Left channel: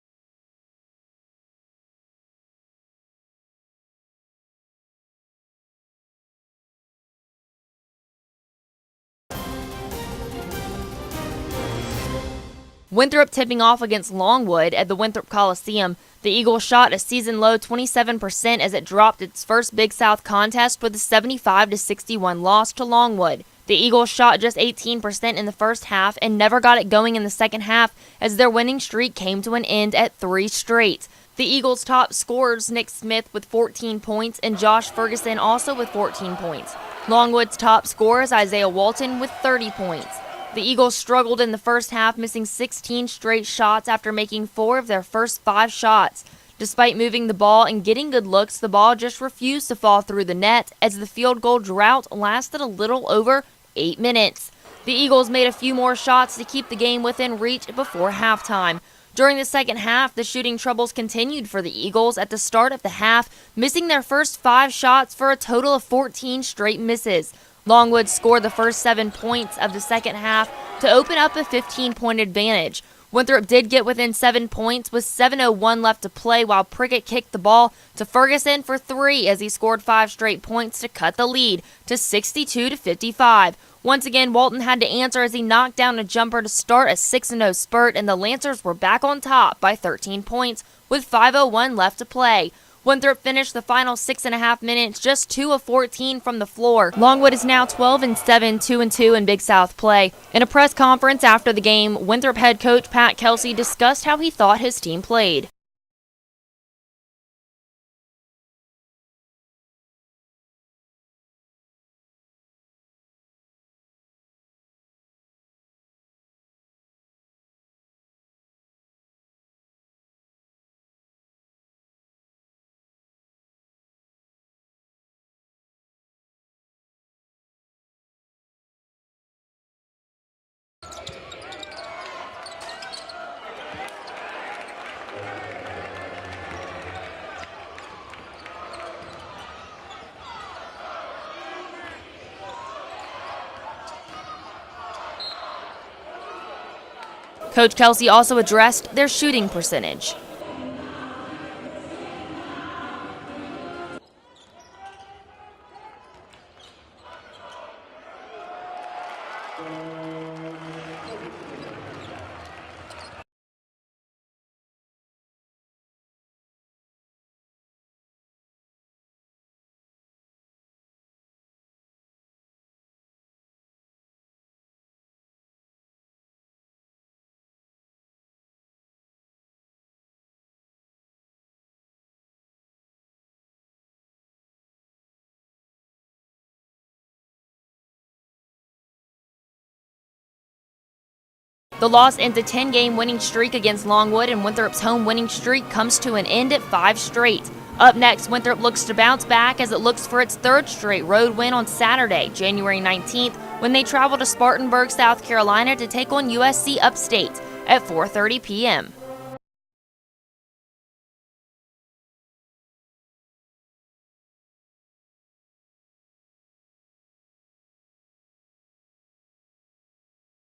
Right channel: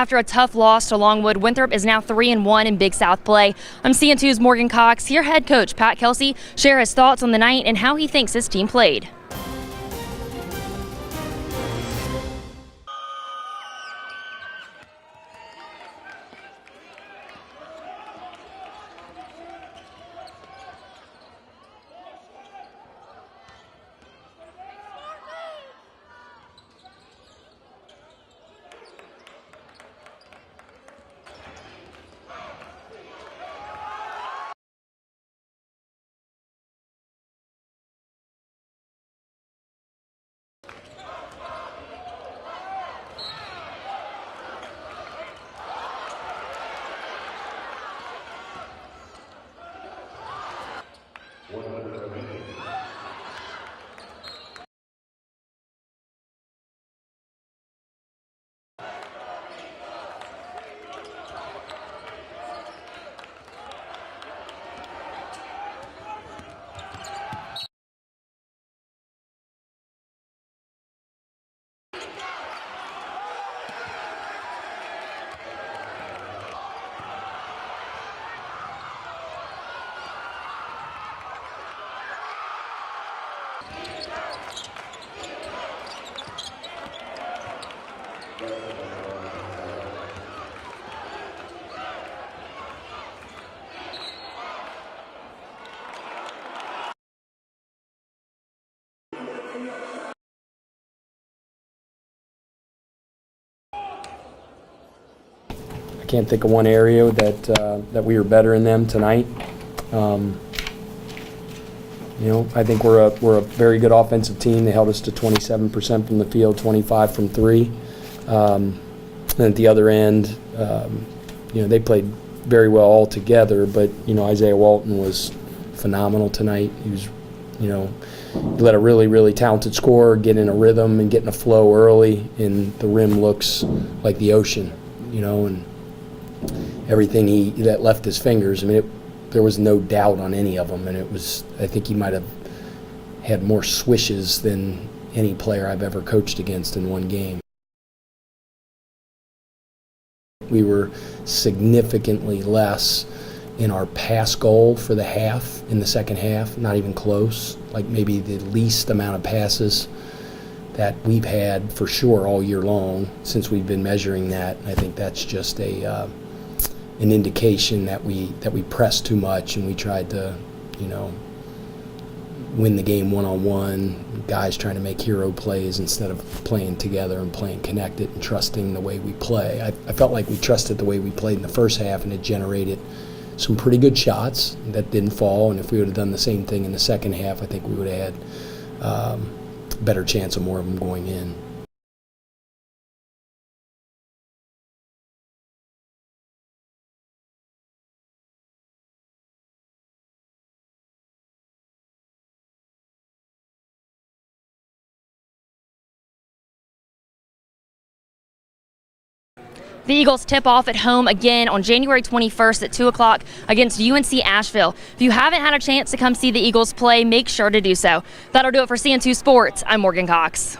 After a tough loss to Longwood, Winthrop is now 3-1 in Big South play. I'm CN2's Morgan Cox. Here head coach Pat Kelsey share his thoughts on the night and how he thinks his team played. Winthrop tipping off against Longwood at the Winthrop Coliseum. The Eagles shot a season-low 27% as it dropped its first Big South contest with a 75-61 loss to Longwood. The Eagles shot just 18% in the first half and never got it going in the second half as their winning streak came to an end at 3 straight. The Eagles' top scorers Nick Smith with 14 points and Josh Ferguson also with 14 points. Longwood's top scorers Isaiah Walton with 30 points. The Eagles struggled in the first half, missing 16 straight shots after making 4 of their first 5 shots. Despite moving the ball and getting good looks, the ball just refused to fall through the net as the field goal drought lasted a little over 8 minutes. The Eagles made a few more shots to keep the game within reach before halftime. During the second half, the shooting troubles continued for the Eagles at the start of the half, missing their first 5 shots for a total of 14 straight misses. Longwood scored the first 7 points of the second half to open up a 15-point advantage. Winthrop did get within 7 points with 7:01 left to play while Prickett kicked the ball to Ferguson for 3 as he scored 5 straight points to cut the lead to 62-55. Once again, Walton had to answer as he knocked down a jumper to start a 6-0 spurt, and the Lancers were back on top by 13 points with 5:01 left to play. Winthrop finished the final 6.5 minutes just 2 of 14 from the floor. Longwood is now 12-7, 2-2 in Big South play. In a press conference after the game, Winthrop head coach Pat Kelsey discussed how he thought his team played. I can't think of one area that we were better in them tonight. I think we're a very good offensive team. They held us to 27% from the field, 25 from 3. And at the other end, they played very well all together, but Isaiah Walton was phenomenal tonight. He was, he let a really talented scorer get in a rhythm and get in a flow early, and the rim looks like the ocean, and everything that left his fingers, and there was no doubt on any of them, and I think he might have had more swishes than any player I've ever coached against in one game. Coach Kelsey also addressed their shooting percentage. We were significantly less in our pass goal for the half in the second half, not even close, like maybe the least amount of passes that we've had for sure all year long since we've been measuring that. I think that's just an indication that we pressed too much and we tried to, win the game one-on-one, guys trying to make hero plays instead of playing together and playing connected and trusting the way we play. I felt like we trusted the way we played in the first half, and it generated some pretty good shots that didn't fall, and if we would have done the same thing in the second half, I think we would have had a better chance of more of them going in. The loss ends a 10-game winning streak against Longwood, and Winthrop's home winning streak comes to an end at 5 straight. Up next, Winthrop looks to bounce back as it looks for its 3rd straight road win on Saturday, January 19th, when they travel to Spartanburg, South Carolina to take on USC Upstate at 4:30 p.m. The Eagles tip off at home again on January 21st at 2 o'clock against UNC Asheville. If you haven't had a chance to come see the Eagles play, make sure to do so. That'll do it for CN2 Sports. I'm Morgan Cox.